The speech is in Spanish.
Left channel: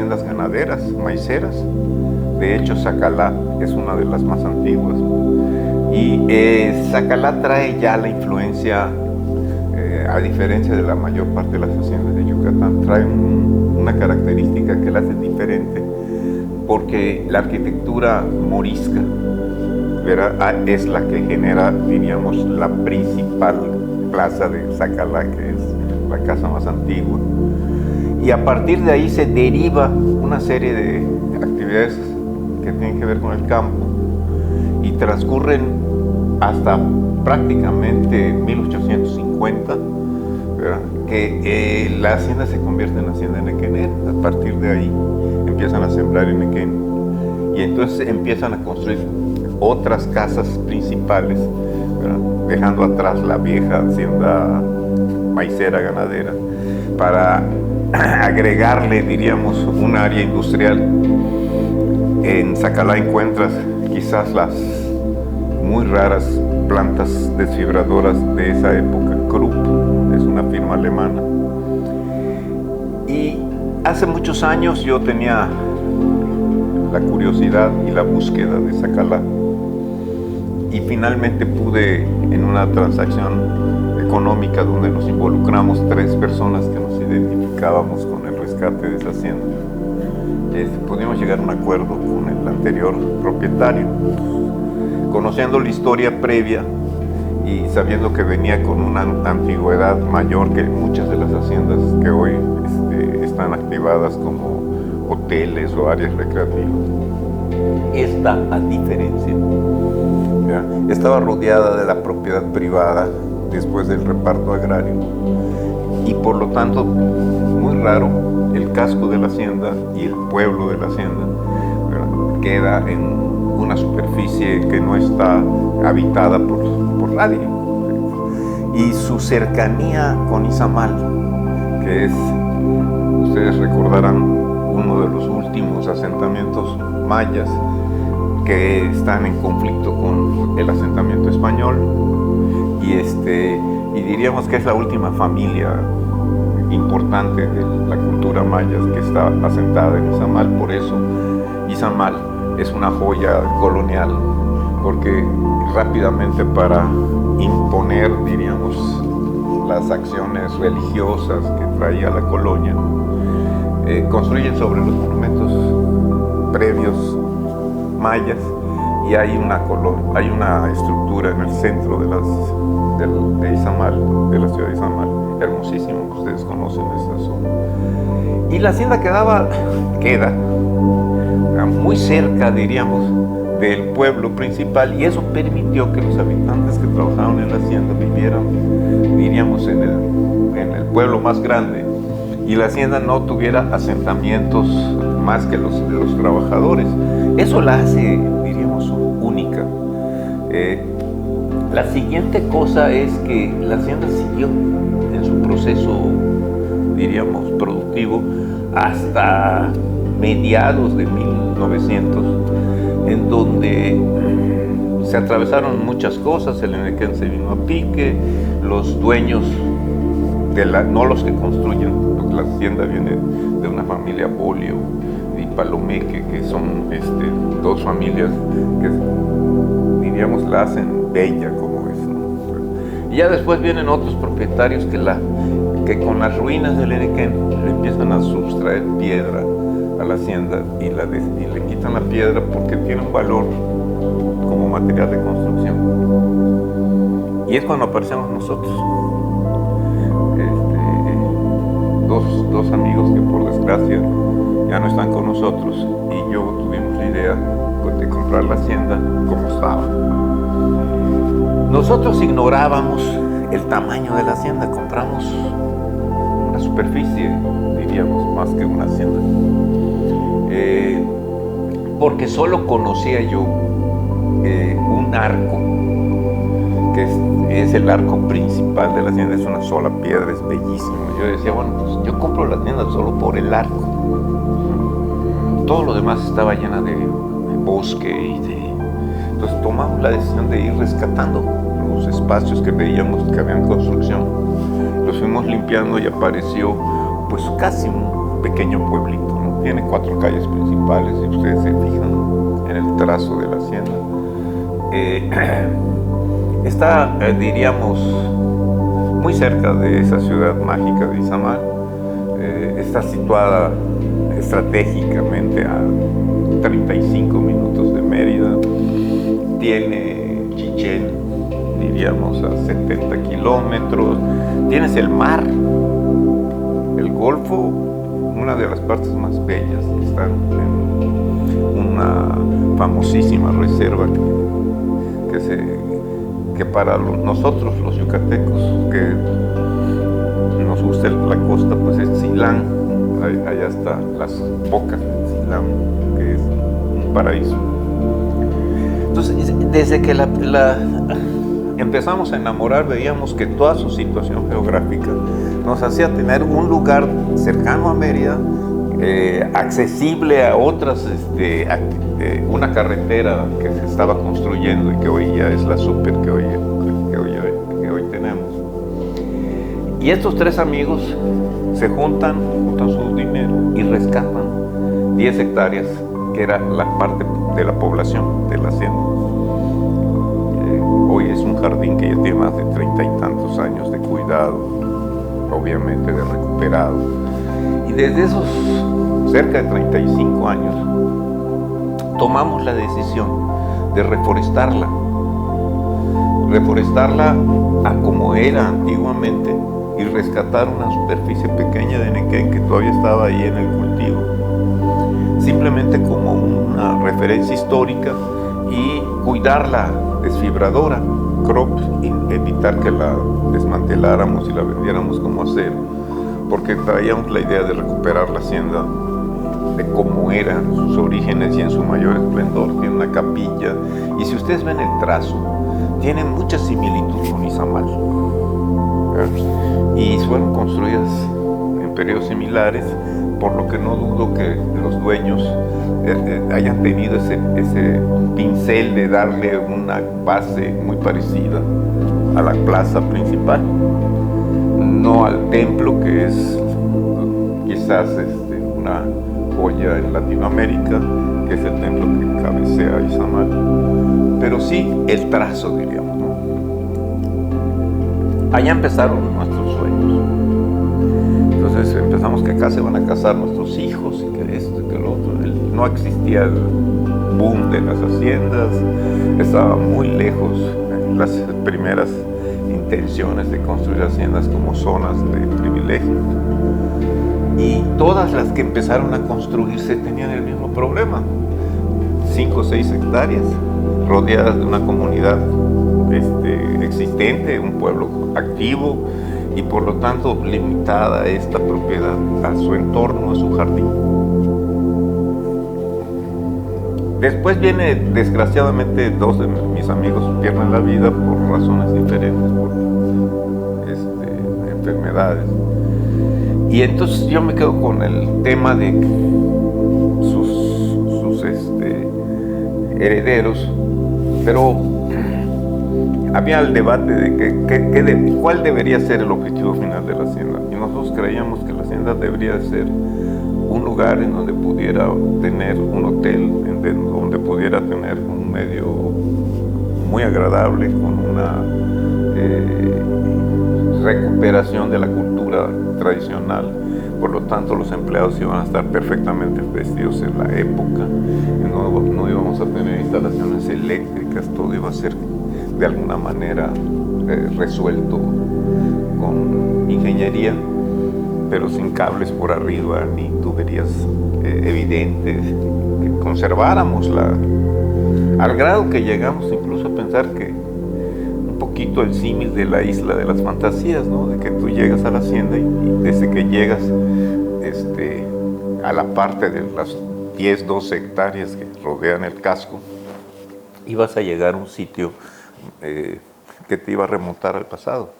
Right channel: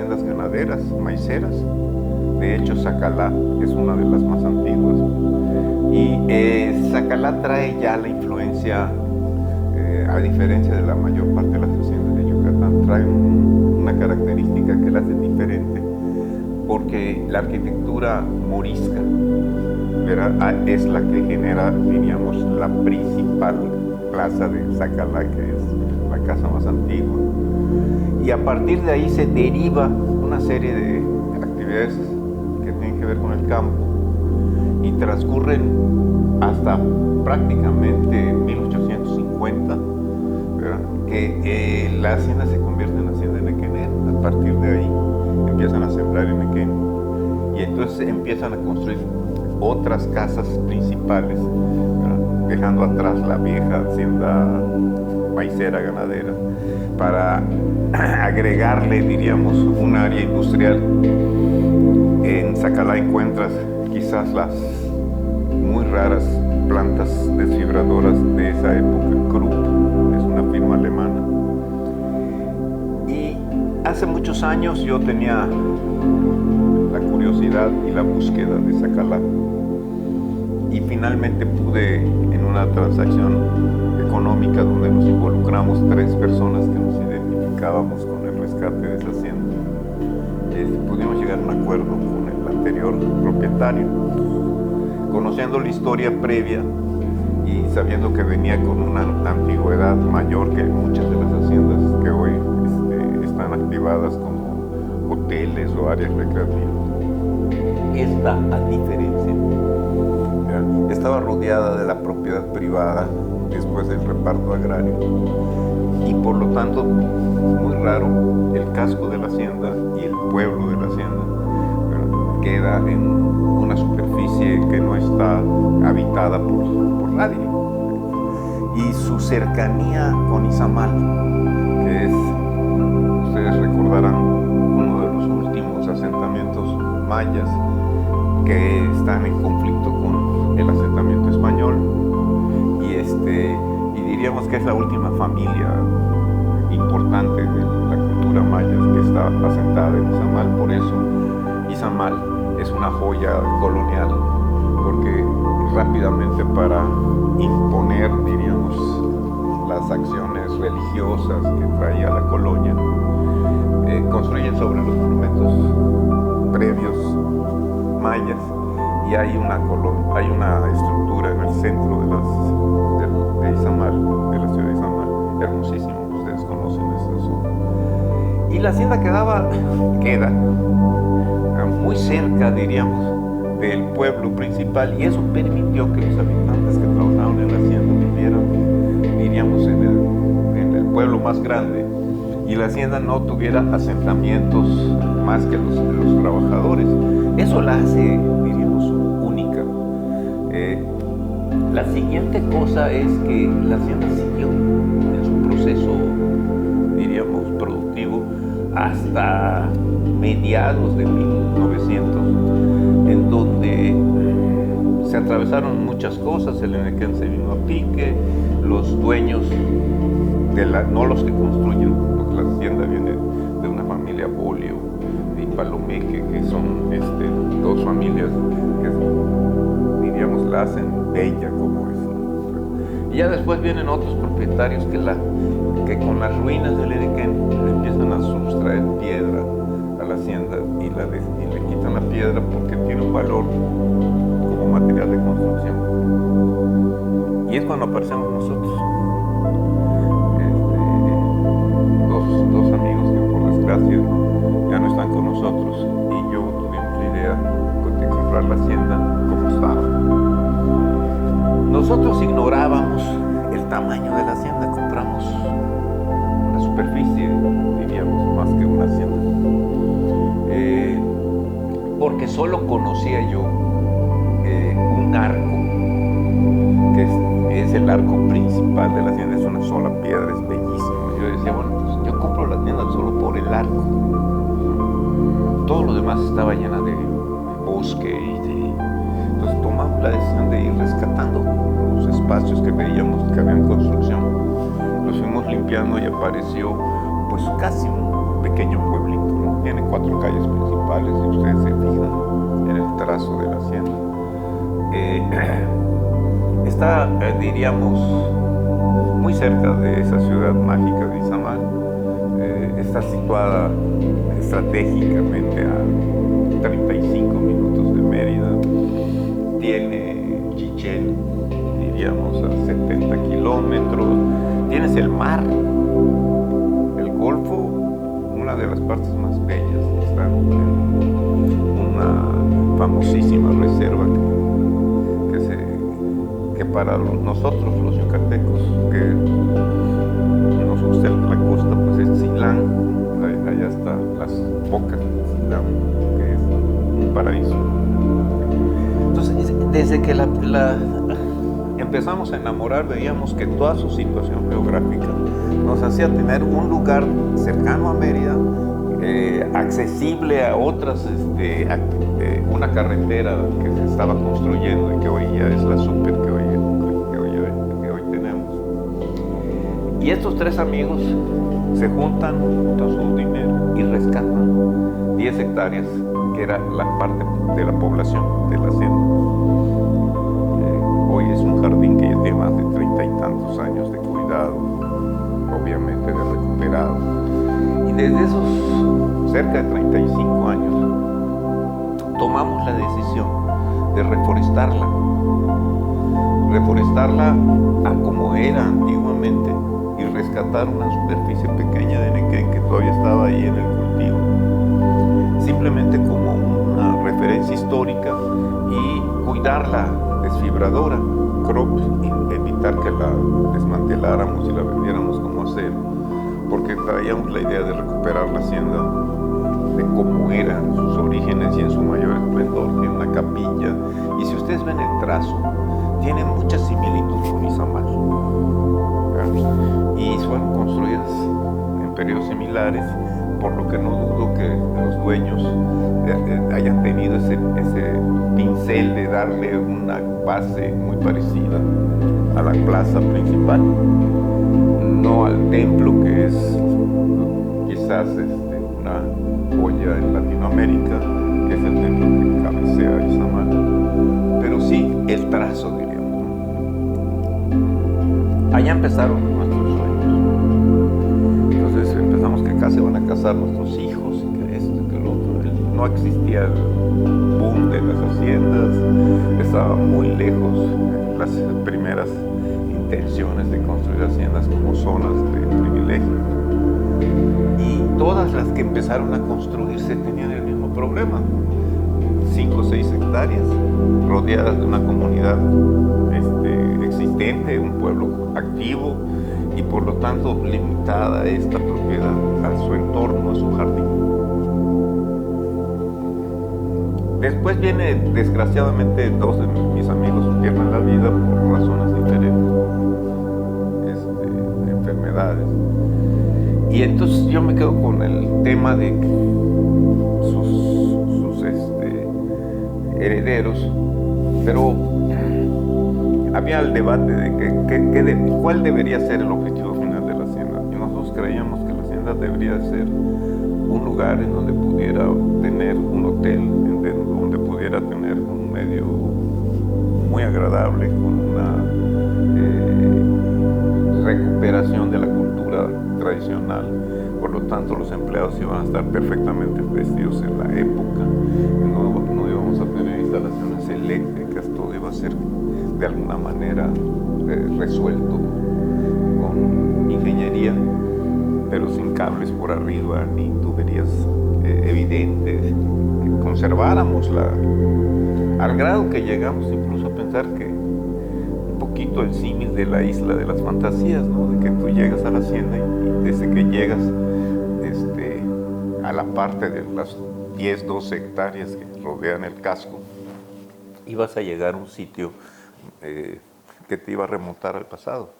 haciendas ganaderas, maiceras. De hecho, Zacalá es una de las más antiguas. Y Zacalá trae ya la influencia, a diferencia de la mayor parte de las haciendas de Yucatán, trae una característica que la hace diferente, porque la arquitectura morisca, ¿verdad?, es la que genera, diríamos, la principal plaza de Zacalá, que es la casa más antigua. Y a partir de ahí se deriva una serie de actividades que tienen que ver con el campo y transcurren hasta prácticamente 1850, ¿verdad?, que la hacienda se convierte en hacienda Nequén. A partir de ahí empiezan a sembrar en Nequén y entonces empiezan a construir otras casas principales, ¿verdad?, dejando atrás la vieja hacienda maicera ganadera para agregarle, diríamos, un área industrial. En Zacalá encuentras quizás las muy raras plantas desfibradoras de esa época. Krupp es una firma alemana. Y hace muchos años yo tenía la curiosidad y la búsqueda de Zacalá. Y finalmente pude, en una transacción económica donde nos involucramos 3 personas que nos identificábamos con el rescate de esa hacienda, pudimos llegar a un acuerdo con el anterior propietario, conociendo la historia previa y sabiendo que venía con una antigüedad mayor que muchas de las haciendas que hoy están activadas como hoteles o áreas recreativas. Esta, a diferencia, ¿ya?, estaba rodeada de la propiedad privada después del reparto agrario y por lo tanto muy raro el casco de la hacienda y el pueblo de la hacienda, ¿verdad?, queda en una superficie que no está habitada por nadie, y su cercanía con Izamal, que es, ustedes recordarán, uno de los últimos asentamientos mayas que están en conflicto con el asentamiento español, y diríamos que es la última familia importante de la cultura maya que está asentada en Izamal. Por eso Izamal es una joya colonial, porque rápidamente, para imponer, diríamos, las acciones religiosas que traía la colonia, construyen sobre los monumentos previos mayas, y hay una estructura en el centro de Izamal, de la ciudad de Izamal, hermosísimo, ustedes conocen esa zona. Y la hacienda queda muy cerca, diríamos, del pueblo principal, y eso permitió que los habitantes que trabajaban en la hacienda vivieran, diríamos, en el pueblo más grande, y la hacienda no tuviera asentamientos más que los trabajadores. Eso la hace, diríamos, única. La siguiente cosa es que la hacienda siguió en su proceso, diríamos, productivo hasta mediados de 1900, en donde se atravesaron muchas cosas. El Enequén se vino a pique, los dueños, no los que construyen, porque la hacienda viene de una familia Bolio y Palomeque, que son 2 familias que, diríamos, la hacen bella como es, ¿no? Y ya después vienen otros propietarios que con las ruinas del Enequén le empiezan a sustraer piedra a la hacienda y le quitan la piedra porque tiene un valor como material de construcción. Y es cuando aparecemos nosotros, dos amigos que por desgracia ya no están con nosotros, y yo tuvimos la idea de comprar la hacienda como estaba. Nosotros ignorábamos el tamaño de la hacienda, compramos una superficie, diríamos, más que una hacienda, porque solo conocía yo un arco, que es el arco principal de la hacienda, es una sola piedra, es bellísimo. Yo decía, bueno, pues yo compro la hacienda solo por el arco. Todo lo demás estaba llena de bosque entonces tomamos la decisión de ir rescatando los espacios que veíamos que habían construcción. Los fuimos limpiando y apareció pues casi pequeño pueblito, ¿no? Tiene 4 calles principales, si ustedes se fijan en el trazo de la hacienda. Está, diríamos, muy cerca de esa ciudad mágica de Izamal. Está situada estratégicamente a 35 minutos de Mérida. Tiene Chichén, diríamos, a 70 kilómetros. Tienes el mar, el Golfo, una de las partes más bellas. Están en una famosísima reserva que para nosotros los yucatecos, que nos gusta la costa, pues es Silán. Allá están las bocas de Silán, que es un paraíso. Entonces, desde que empezamos a enamorar, veíamos que toda su situación geográfica nos hacía tener un lugar cercano a Mérida, accesible a otras, una carretera que se estaba construyendo y que hoy ya es la súper que hoy tenemos. Y estos 3 amigos se juntan su dinero y rescatan 10 hectáreas, que era la parte de la población de la hacienda. Hoy es un jardín que ya tiene más de 30 y tantos años de cuidado, obviamente de recuperado. Y desde esos cerca de 35 años tomamos la decisión de reforestarla a como era antiguamente y rescatar una superficie pequeña de Nequén que todavía estaba ahí en el cultivo, simplemente como una referencia histórica, y cuidarla desfibradora, crops, y evitar que la desmanteláramos y la vendiéramos como acero, porque traíamos la idea de recuperar la hacienda de cómo eran sus orígenes y en su mayor esplendor. Tiene una capilla, y si ustedes ven el trazo, tiene mucha similitud con Izamal, y fueron construidas en periodos similares, por lo que no dudo que los dueños hayan tenido ese pincel de darle una base muy parecida a la plaza principal, no al templo, que es quizás una joya en Latinoamérica, que es el templo que cabecea Izamal, pero sí el trazo, diríamos, ¿no? Allá empezaron nuestros sueños. Entonces empezamos que acá se van a casar nuestros hijos, y que esto y que lo otro. No existía el boom de las haciendas, estaba muy lejos las primeras intenciones de construir haciendas como zonas de privilegio. Y todas las que empezaron a construirse tenían el mismo problema: 5 o 6 hectáreas, rodeadas de una comunidad existente, un pueblo activo, y por lo tanto limitada esta propiedad a su entorno, a su jardín. Después viene, desgraciadamente, 2 de mis amigos pierden la vida por razones diferentes, por enfermedades. Y entonces yo me quedo con el tema de sus herederos, pero había el debate de cuál debería ser el objetivo final de la hacienda. Y nosotros creíamos que la hacienda debería ser un lugar en donde pudiera tener un hotel, donde pudiera tener un medio muy agradable, con una recuperación de la cultura tradicional. Por lo tanto, los empleados iban a estar perfectamente vestidos en la época, no íbamos a tener instalaciones eléctricas, todo iba a ser de alguna manera resuelto con ingeniería, pero sin cables por arriba ni tuberías evidentes, que conserváramos al grado que llegamos incluso a pensar que un poquito el símil de la isla de las fantasías, ¿no? De que tú llegas a la hacienda y desde que llegas a la parte de las 10, 12 hectáreas que rodean el casco, ibas a llegar a un sitio que te iba a remontar al pasado.